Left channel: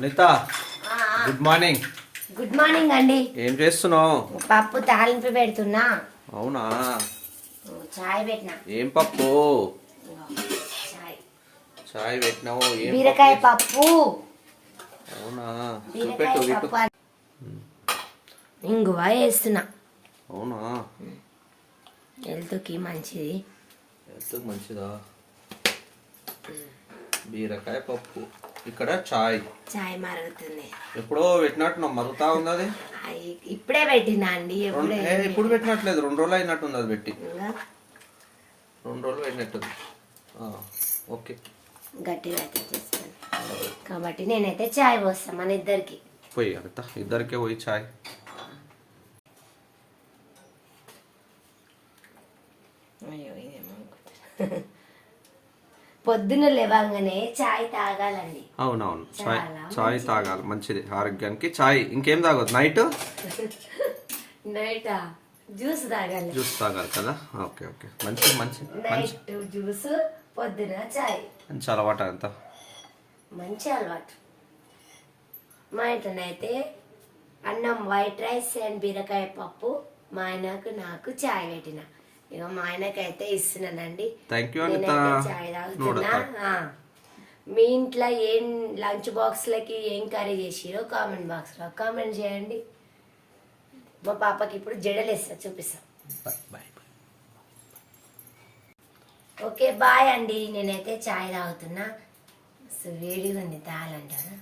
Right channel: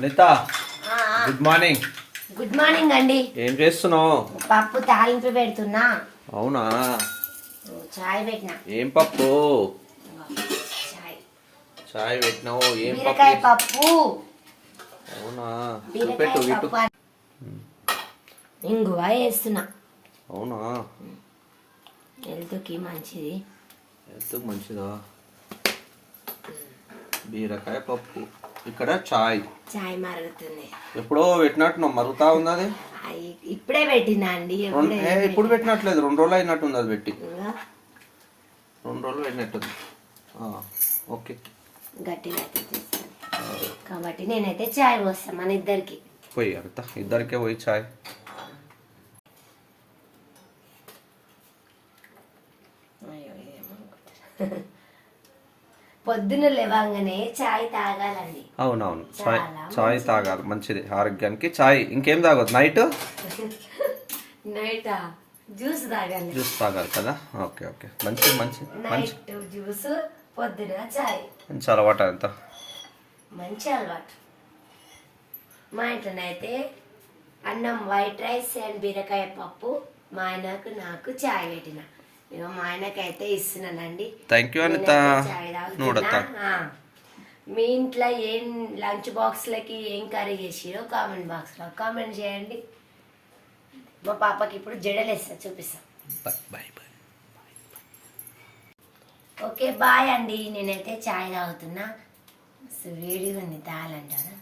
Anitha good morning. Good morning అండి. ఏం చేస్తున్నావు? పప్పు తాలింపు పెడుతున్నా. అవునా? చాయ్ పెట్టినా. ఏం పప్పు? చాయ్ పెట్టినావు? ఏం బీరకాయ పప్పు. అవునా? చూపెట్టు ఇటు. ఇంగువ వేస్తున్నా. అవునా? హెల్త్కి మంచిది. హెల్త్కి మంచిదా? బీరకాయ పప్పు. ఇక్కడ చాయ్ మరుగుతుంది. ఎప్పుడో పెట్టినట్టున్నావు, మరుగుతా ఉంది అది. ఇప్పుడే పెట్టినా అండి. ఇప్పుడు పెట్టినట్లేదు, 2 రోజులు అయినట్టుంది అది పెట్టి. 2 రోజులు పెట్టినట్టుంది. ఓకే, గట్టిగా కాబట్టి నేనైతే చాయ్ పోస్తాను మన ఇద్దరికి. పోయి అంత ఇద్దరికే పోయి చాయ్. పొద్దున్న లేవగానే చాయ్ తాగాలండి. అవునవును, చాయ్ తాగాలి, మంచిది ఆరోగ్యానికి. చాయ్ ఇంకేం తాగదు? నైట్ జ్యూస్ తాగాలి. జ్యూస్ తాగాలి కదా? ఓకే ఓకే, మంచిది మంచి మంచి జ్యూస్, పొద్దున చాయ్. మంచి అలవాటు అంత. మంచి అలవాటు. మా ఇంట్లోనైతే అన్నం వైట్ రైస్ అండ్ బీరకాయ పప్పు, మా ఆయనకు నాకు చాయ్ పెట్టిన. ఇక మా ఆయనకైతే ఇస్తున్నానండి. Thank you Anitha. చాయ్ తాగుతున్నా. మీ ఇంట్లో ఏం లంచ్ బాక్స్లకి ఏం కర్రీ చేసిరో కామెంట్ బాక్స్లో కామెంట్ చేయండి. మా పాపకి ఇప్పుడు జడలేస్తా, చూపిస్తాం. Bye bye. ఓకే బాయ్ అండి. నేనైతే చాయ్ తాగుతున్నా. వేడిగా ఉంది, తాగాలంటారా?